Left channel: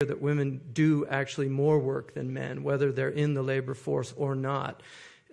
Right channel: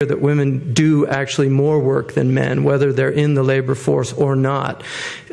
that women do actually more work than men, whether they're in the labor force or not.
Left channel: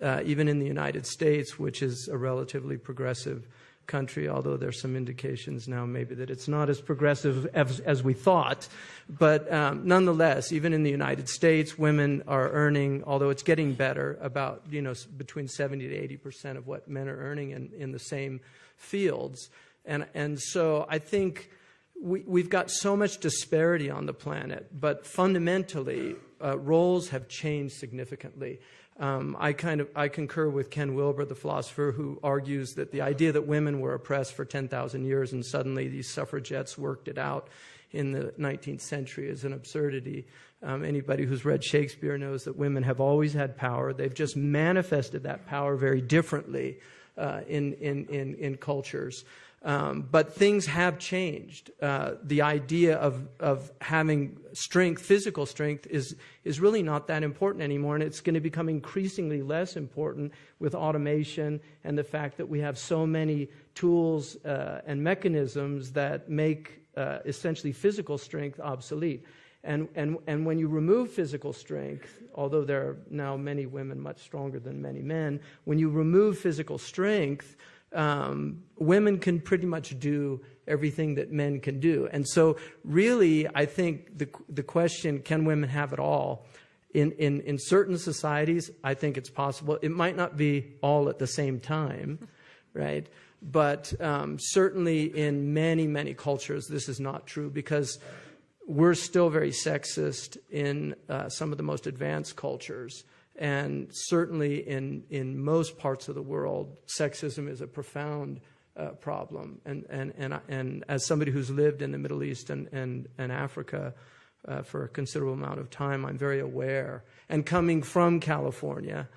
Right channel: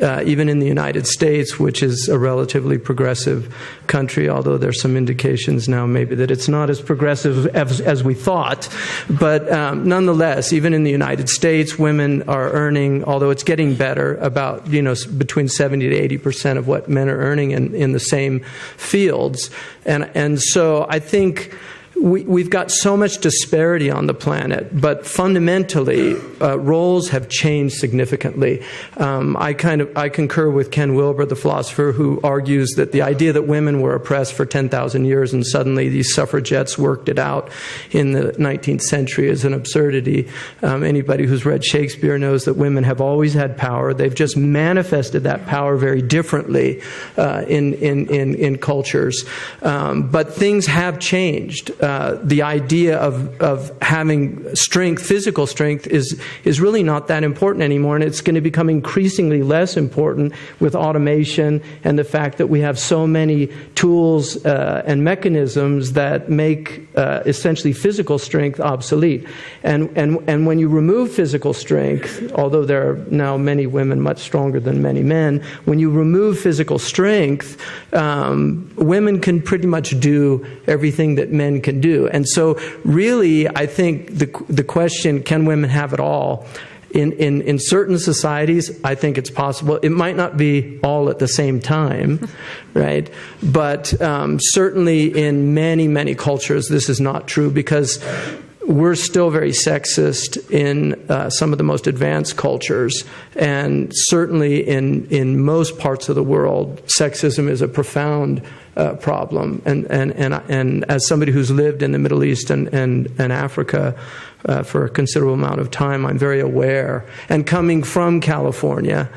Even in the United States, which is a relatively progressive country, although there's some indications now maybe that it's not as progressive as we thought. But nonetheless, even in the United States, women are earning, although it's getting better, about between 70 to 80% of what men are earning in the same fields. And so I think we've got so much disparity on the planet, but fundamentally, roles have changed significantly. I concur with Ken Wilber, the philosopher, who argues that the idea that women were oppressed for 10,000 years and suddenly these suffragettes worked it out in the 19th century is an absurdity. Anybody who's read Shakespeare knows that women have always had power. They've just manifested that power very differently in cultures. But things have changed. The idea of having strength, physical strength, is really not that important anymore, and it's going to become increasingly less important with automation and the fact that we have so many tools and mechanisms that make essentially physical strength obsolete. And when you remove physical strength, although there are now many women much stronger than many men, when you remove physical strength, women can pretty much do everything that men can do. And so really, I think the question, can women have it all? In certain societies, I think it's possible. It might not be all at the same time, right? But certainly in many, many cultures, this is not true, because we're still very sexist in some of the most advanced cultures, and certainly in most parts of the world, sexism is a profound problem. And as somebody who's lived in the Middle East and Africa for a considerable amount of time, I'm very aware. And coming from California,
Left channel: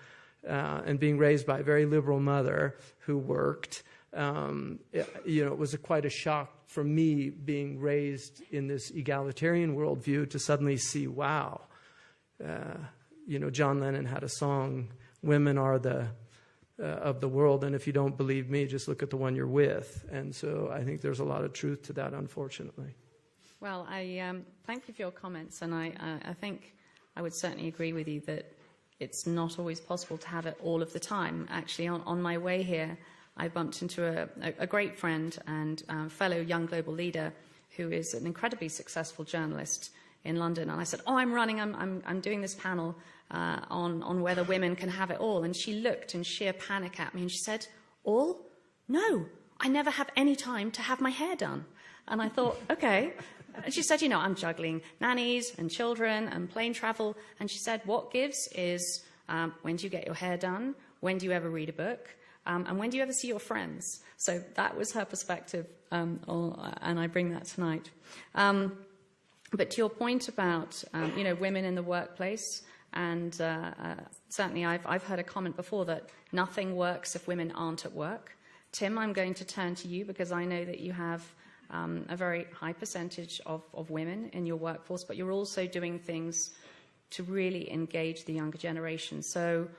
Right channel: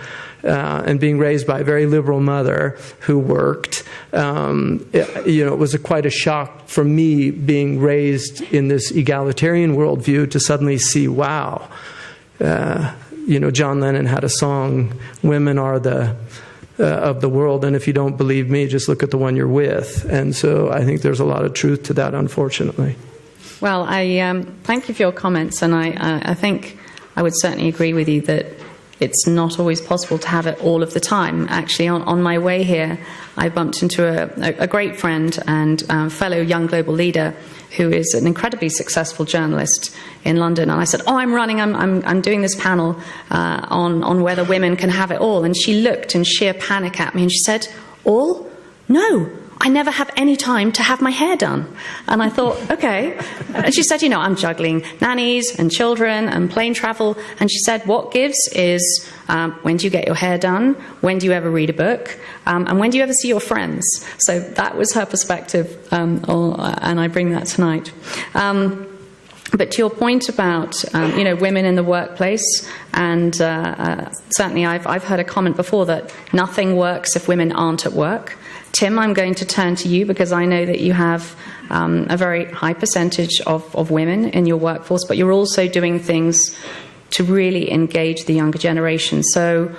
and being raised by a very liberal mother who worked, it was quite a shock for me, being raised in this egalitarian worldview, to suddenly see, wow, John Lennon had a song, "Women are the of the world, and if you don't believe me, just look at the one you're with." And so I think there's a lot of truth to that, unfortunately. Well, I thank you for your comments, and I think I would certainly agree with you that it's not always possible to have it all of the time. Actually, on my way here, I bumped into a great friend and fellow young global leader who is an incredibly successful journalist in London. And I said, "Oh, I'm doing this panel on whether women can have it all." And she looked in sheer panic at me and she said, "All? No. I never have any time to have my hair done." And I thought, okay. And she said, I'm juggling nannies and children and plane travel. And she said, what gives is when do you get your hair done? When do you ever read a book? And when do you ever see your friends? So that was her perspective, and I bring that tonight. But to your point about women in the workplace, and certainly I've heard a comment before that nothing works if women aren't at work. Tim, I'm going to turn to you, because I know that you have a very high percentage of women in your workforce, but you're also doing things to really engage the younger generation. So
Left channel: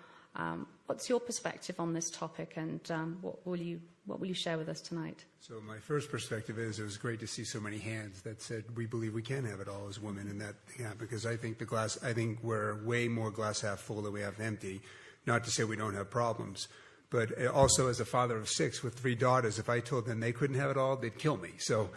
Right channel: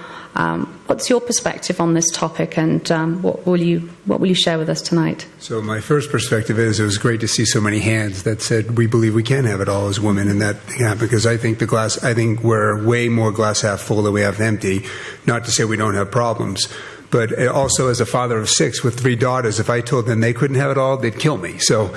what's your perspective on this topic, and what will you share with us tonight? So my first perspective is, it was great to see so many hands that said we believe we can have it all as women, and that because I think we're way more glass half full than we have empty. Not to say we don't have problems, but also as a father of 6 with 3 daughters, if I told them they couldn't have it all, they'd kill me. So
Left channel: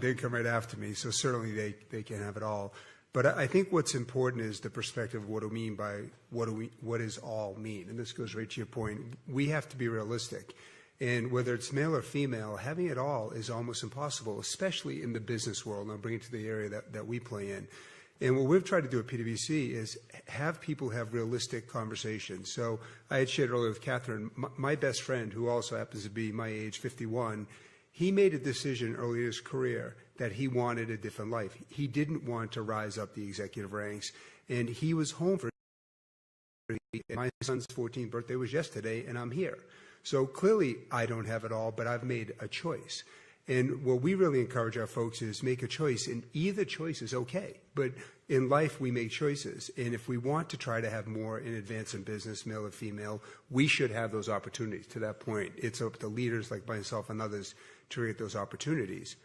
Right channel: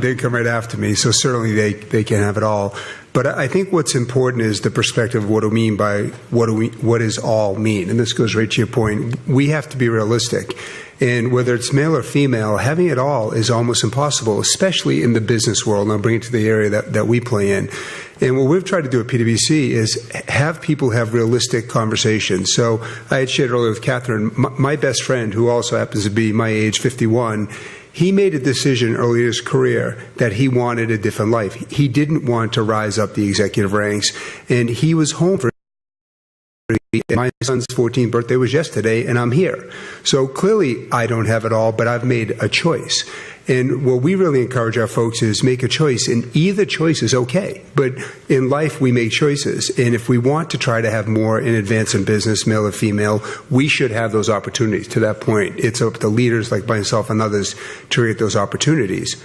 they'd come right after me. So certainly they can have it all. But I think what's important is the perspective of what do we mean by what does all mean? And this goes right to your point. We have to be realistic. And whether it's male or female, having it all is almost impossible, especially in the business world. And I'll bring it to the area that we play in. And what we've tried to do at PwC is have people have realistic conversations. So I had shared earlier with Catherine, my best friend, who also happens to be my age, 51, he made a decision early in his career that he wanted a different life. He didn't want to rise up the executive ranks, and he was home for my son's 14th birthday was yesterday, and I'm here. So clearly I don't have it all, but I've made a choice. And what we really encourage our folks is make a choice, and either choice is okay. But in life, we make choices. And if we want to try to have more in advance in business, male or female, we should have those opportunities. To that point, it's up to leaders like myself and others to create those opportunities.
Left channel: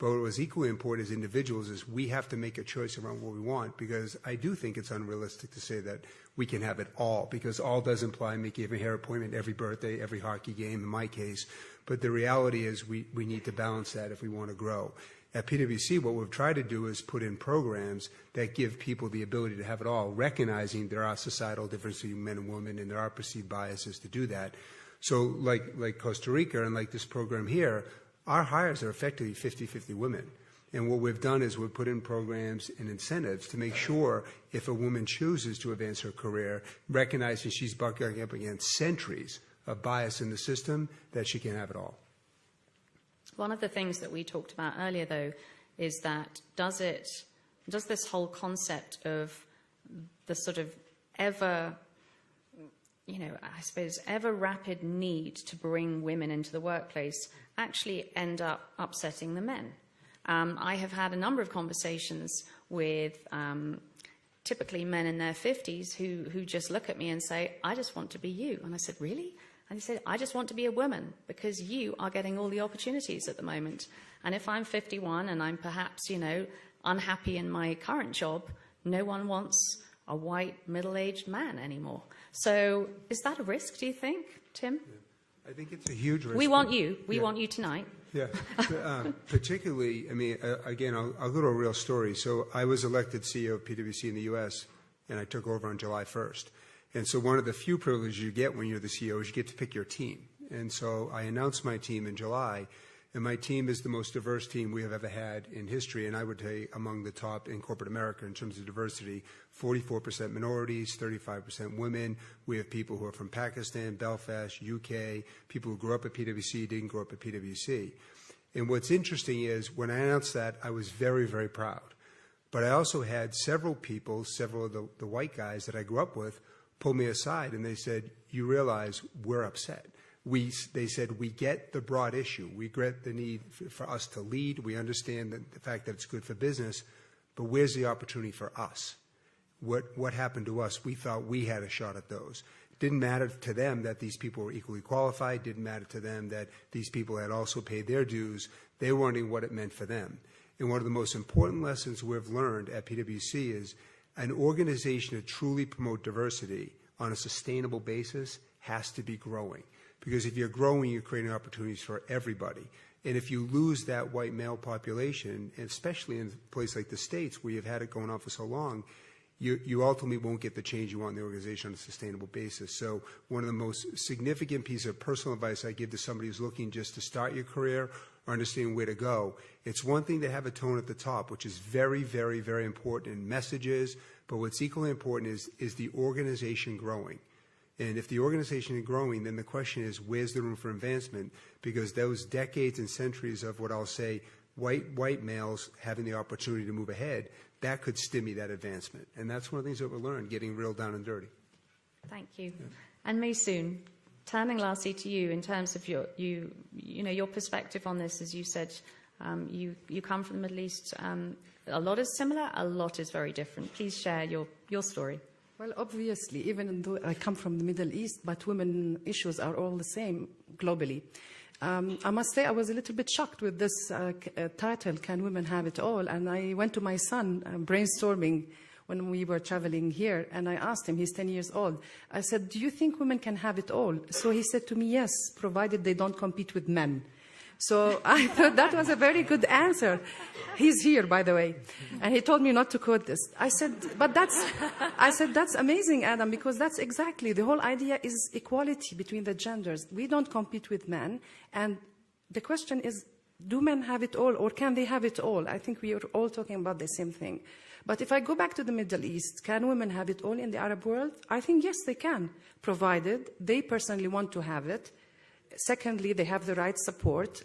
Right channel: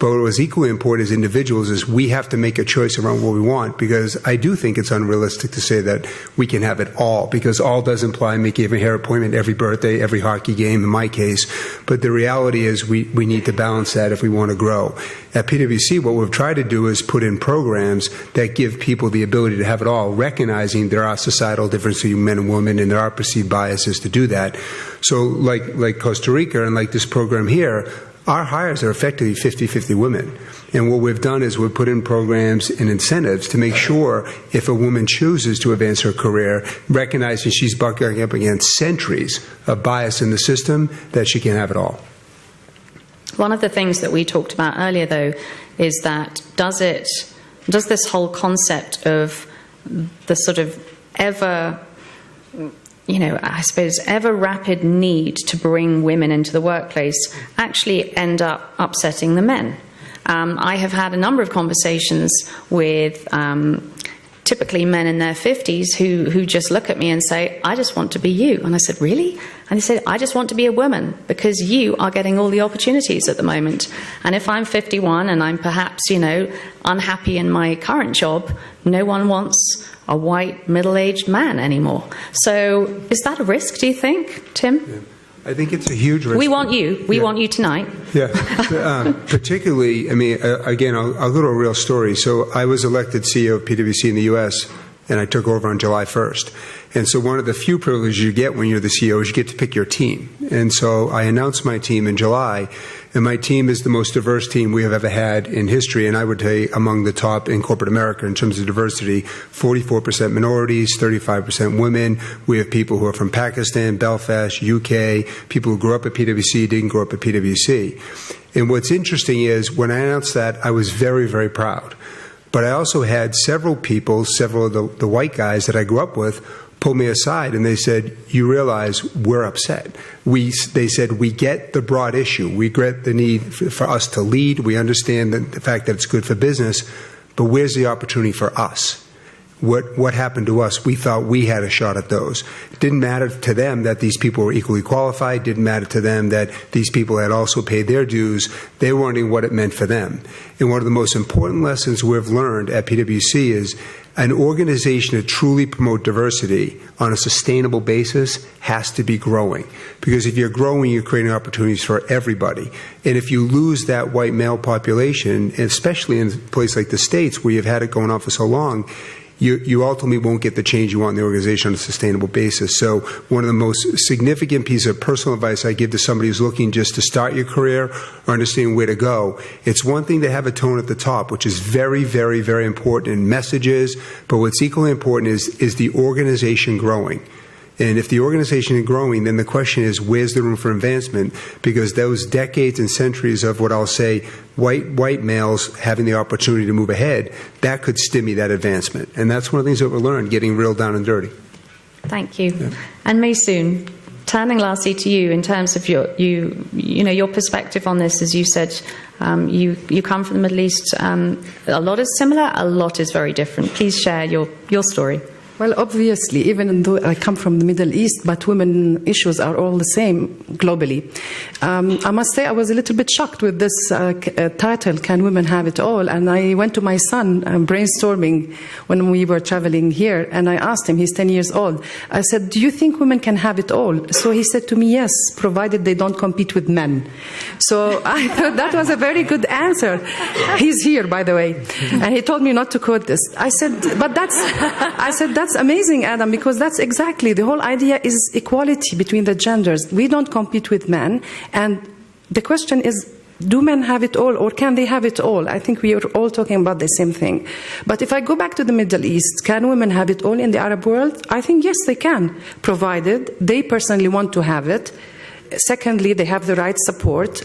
But what was equally important as individuals is we have to make a choice around what we want, because I do think it's unrealistic to say that we can have it all, because all does imply making every hair appointment, every birthday, every hockey game in my case. But the reality is we need to balance that if we want to grow. At PwC, what we've tried to do is put in programs that give people the ability to have it all, recognizing there are societal differences between men and women, and there are perceived biases to do that. So like Costa Rica and like this program here, our hires are effectively 50-50 women. And what we've done is we've put in programs and incentives to make sure if a woman chooses to advance her career, recognizing she's bucking up against centuries of bias in the system, that she can have it all. One of the things that we talked about earlier, though, is that does this whole concept of the sort of ever rapid need to bring women into the workplace actually end up upsetting the men? I have had a number of conversations with typically men in their 50s who just look at me and say, I just want to be you. And I said, really? And they said, I just want to be a woman because you are getting all the opportunities at the moment. And if I'm 51 and I'm perhaps, unhappy in my current job, no one wants a white middle-aged man anymore. So is that a risk, do you think, Tim? Yeah. I think it's a huge risk. We want you. We want you tonight. Yeah. Particularly, again, I'll go to a real story. So I was elected CEO of PwC in the U.S., and I took over on July 1st. And so one of the few privileges you get when you're the CEO is you get to pick your team. And so I announced my team in July, and my team is the most diverse team we have ever had in history, and I would say among the top in corporate America in terms of diversity. 44% minorities, 35% women. We have people who are from Pakistan, Belfast, UK, people who grew up at PwC, didn't grow up at PwC. And what's interesting is when I announced that, I was very, very proud. But I also had several people, several of the white guys that I grew up with, pulled me aside and they said, you realize we're upset. They said, we get the broad issue. We get the need for us to lead. We understand the fact that it's good for business, but where's the opportunity for us? What happened to us? We thought we had a shot at those. It didn't matter to them that these people were equally qualified. Didn't matter to them that these people had also paid their dues. They were wondering what it meant for them. And one of the most important lessons we've learned at PwC is an organization to truly promote diversity on a sustainable basis has to be growing. Because if you're growing, you're creating opportunities for everybody. And if you lose that white male population, especially in a place like the States where you've had it going on for so long, you ultimately won't get the change you want in the organization on a sustainable basis. So one of the most significant pieces of personal advice I give to somebody who's looking just to start your career or understanding where to go, it's one thing to have a tone at the top, which is very, very, very important in messages, but what's equally important is the organization growing. And if the organization is growing, then the question is, where's the room for advancement? Because those decades and centuries of what I'll say, white males having the opportunity to move ahead, that could stymie that advancement. And that's one of the things that we learned, getting real down and dirty. Thank you. Yeah. And Maysoon, turning lastly to you in terms of your perspective on this, as you said, you come from the Middle East. A lot is similar, a lot is very different. Please share your story. Well, obviously, even though I come from the Middle East, but women issues are all the same globally. I must say I was a little bit shocked with this title, Can Women Have It All? And I went to my son brainstorming when we were traveling here, and I asked him, he's 10 years old, I said, do you think women can have it all? So he said to me, yes, provided they don't compete with men. So I thought that was a very good answer. He's here, by the way. And he told me not to quote this. I said, that's amazing, Adam, because that's exactly the whole idea is equality between the genders. We don't compete with men. And the question is, do men have it all or can they have it all? I think we are all talking about the same thing. But if I go back to the Middle East, can women have it all in the Arab world? I think, yes, they can, provided they personally want to have it. Secondly, they have the right support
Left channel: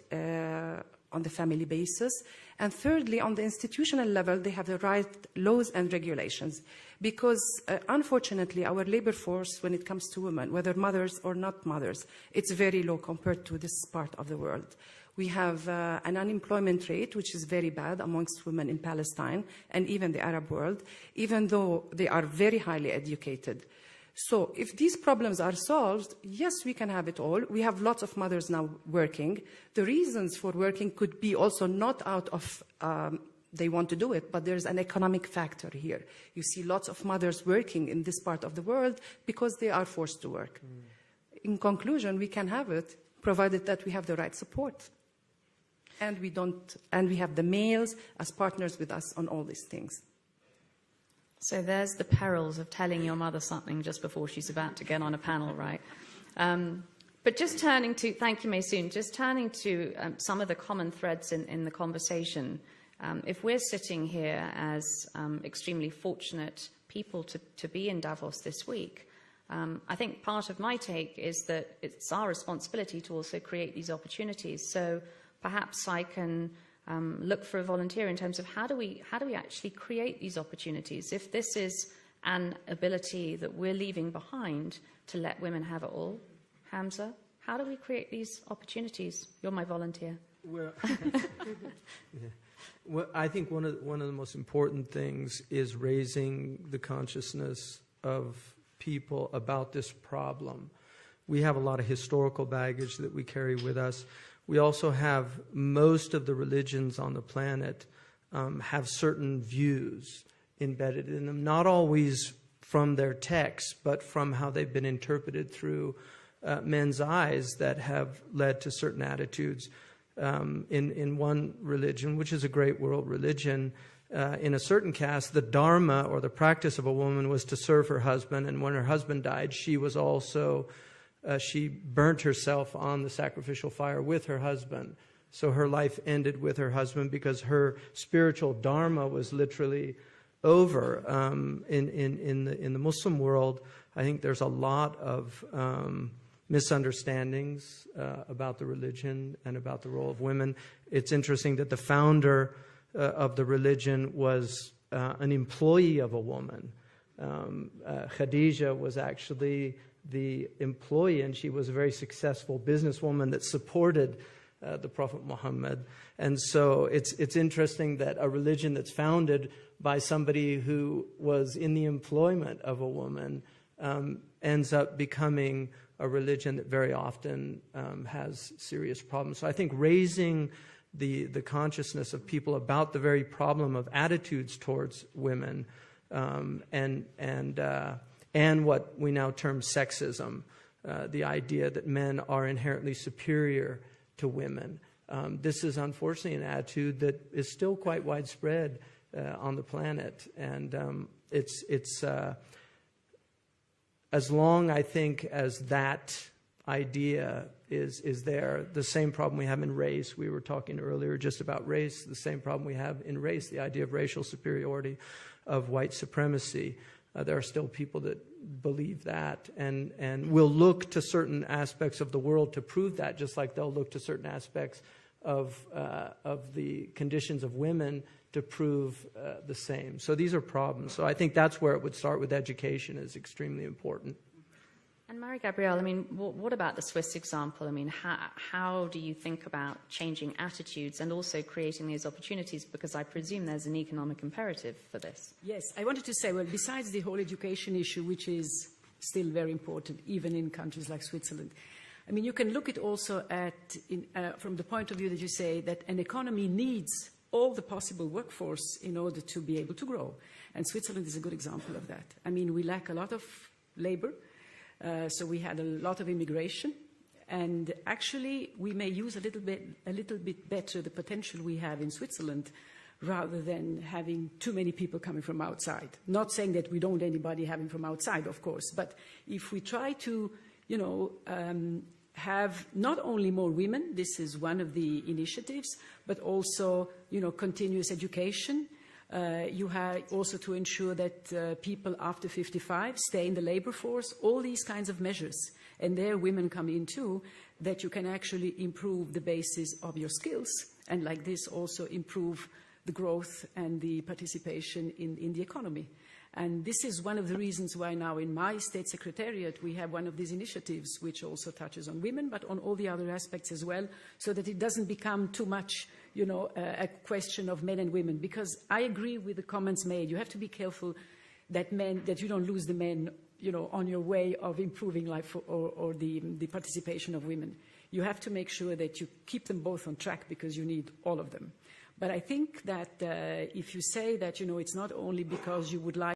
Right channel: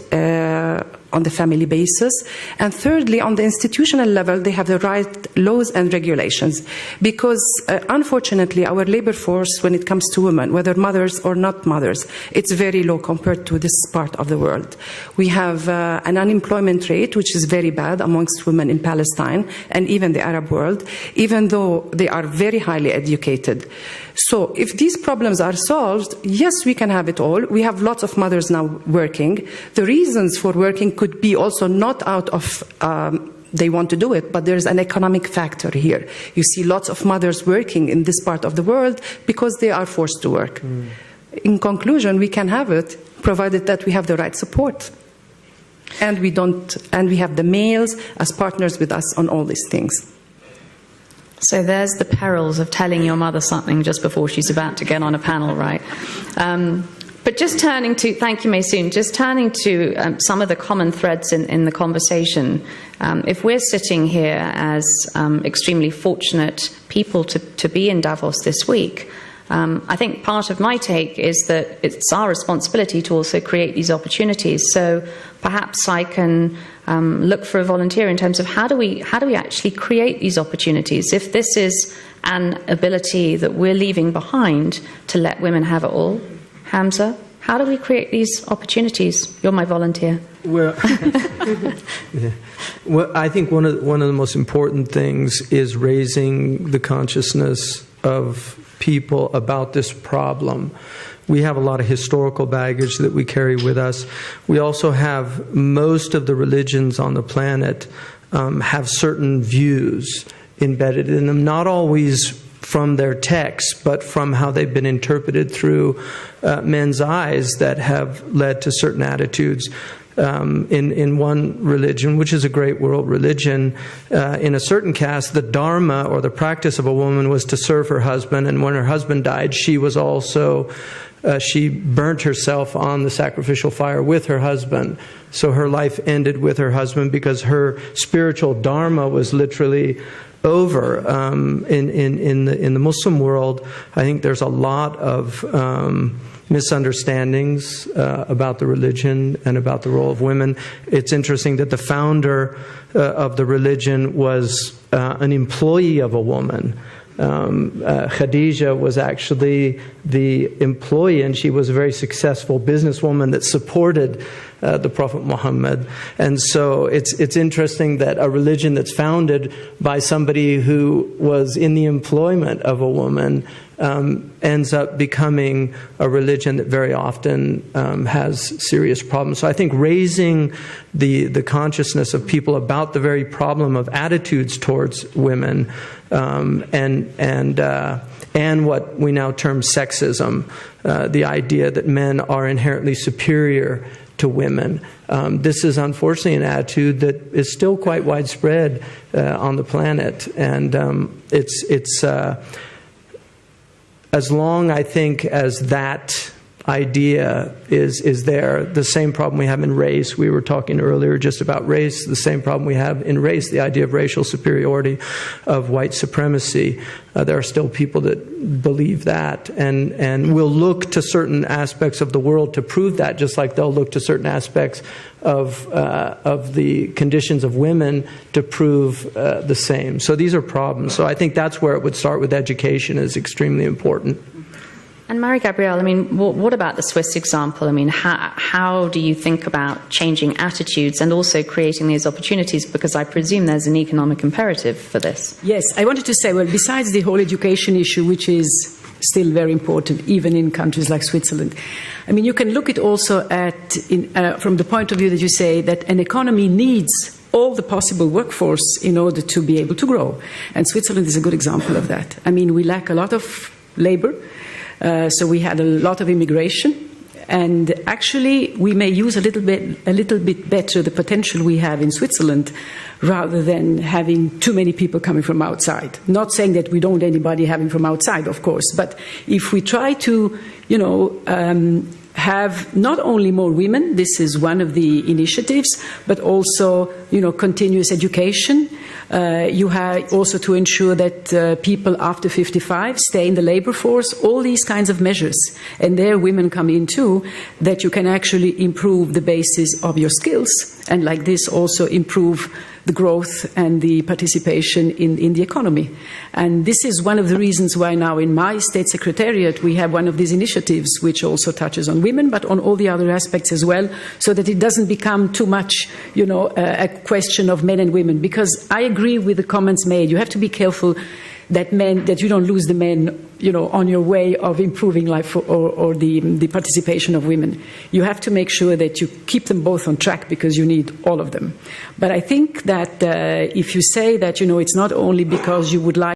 on the family basis. And thirdly, on the institutional level, they have the right laws and regulations. Because unfortunately, our labor force, when it comes to women, whether mothers or not mothers, it's very low compared to this part of the world. We have an unemployment rate, which is very bad amongst women in Palestine and even the Arab world, even though they are very highly educated. So if these problems are solved, yes, we can have it all. We have lots of mothers now working. The reasons for working could could be also not out of they want to do it, but there's an economic factor here. You see lots of mothers working in this part of the world because they are forced to work. In conclusion, we can have it, provided that we have the right support. And we have the males as partners with us on all these things. So there's the perils of telling your mother something just before she's about to get on a panel, right? But just turning to, thank you, Maysoon, just turning to some of the common threads in the conversation. If we're sitting here as extremely fortunate people to be in Davos this week, I think part of my take is that it's our responsibility to also create these opportunities. So perhaps I can look for a volunteer in terms of how do we actually create these opportunities? If this is an ability that we're leaving behind to let women have it all, Hamza, how do we create these opportunities? You're my volunteer. Well, yeah. Well, I think one of the most important things is raising the consciousness of people about this problem. We have a lot of historical baggage that we carry with us. We also have most of the religions on the planet have certain views embedded in them, not always from their texts, but from how they've been interpreted through men's eyes that have led to certain attitudes. In one religion, which is a great world religion, in a certain caste, the dharma or the practice of a woman was to serve her husband, and when her husband died, she was also she burnt herself on the sacrificial fire with her husband. So her life ended with her husband because her spiritual dharma was literally over. In the Muslim world, I think there's a lot of misunderstandings about the religion and about the role of women. It's interesting that the founder of the religion was an employee of a woman. Khadija was actually the employee, and she was a very successful businesswoman that supported the Prophet Muhammad. And so it's interesting that a religion that's founded by somebody who was in the employment of a woman ends up becoming a religion that very often has serious problems. So I think raising the consciousness of people about the very problem of attitudes towards women and what we now term sexism, the idea that men are inherently superior to women. This is unfortunately an attitude that is still quite widespread on the planet, and it's as long, I think, as that idea is there, the same problem we have in race. We were talking earlier just about race, the same problem we have in race, the idea of racial superiority, of white supremacy. There are still people that believe that and will look to certain aspects of the world to prove that, just like they'll look to certain aspects of the conditions of women to prove the same. So these are problems. So I think that's where it would start with education is extremely important. And Marie-Gabrielle, I mean, what about the Swiss example? I mean, how do you think about changing attitudes and also creating these opportunities? Because I presume there's an economic imperative for this. Yes, I wanted to say, well, besides the whole education issue, which is still very important, even in countries like Switzerland, I mean, you can look at also at, from the point of view that you say that an economy needs all the possible workforce in order to be able to grow. And Switzerland is a good example of that. I mean, we lack a lot of labor. So we had a lot of immigration, and actually we may use a little bit better the potential we have in Switzerland rather than having too many people coming from outside. Not saying that we don't want anybody having from outside, of course, but if we try to, have not only more women, this is one of the initiatives, but also, continuous education. You have also to ensure that people after 55 stay in the labor force, all these kinds of measures. And there women come in too, that you can actually improve the basis of your skills, and like this also improve the growth and the participation in the economy. And this is one of the reasons why now in my state secretariat we have one of these initiatives which also touches on women, but on all the other aspects as well, so that it doesn't become too much, a question of men and women. Because I agree with the comments made. You have to be careful that you don't lose the men, on your way of improving life or the participation of women. You have to make sure that you keep them both on track because you need all of them. But I think that if you say that, it's not only because you would like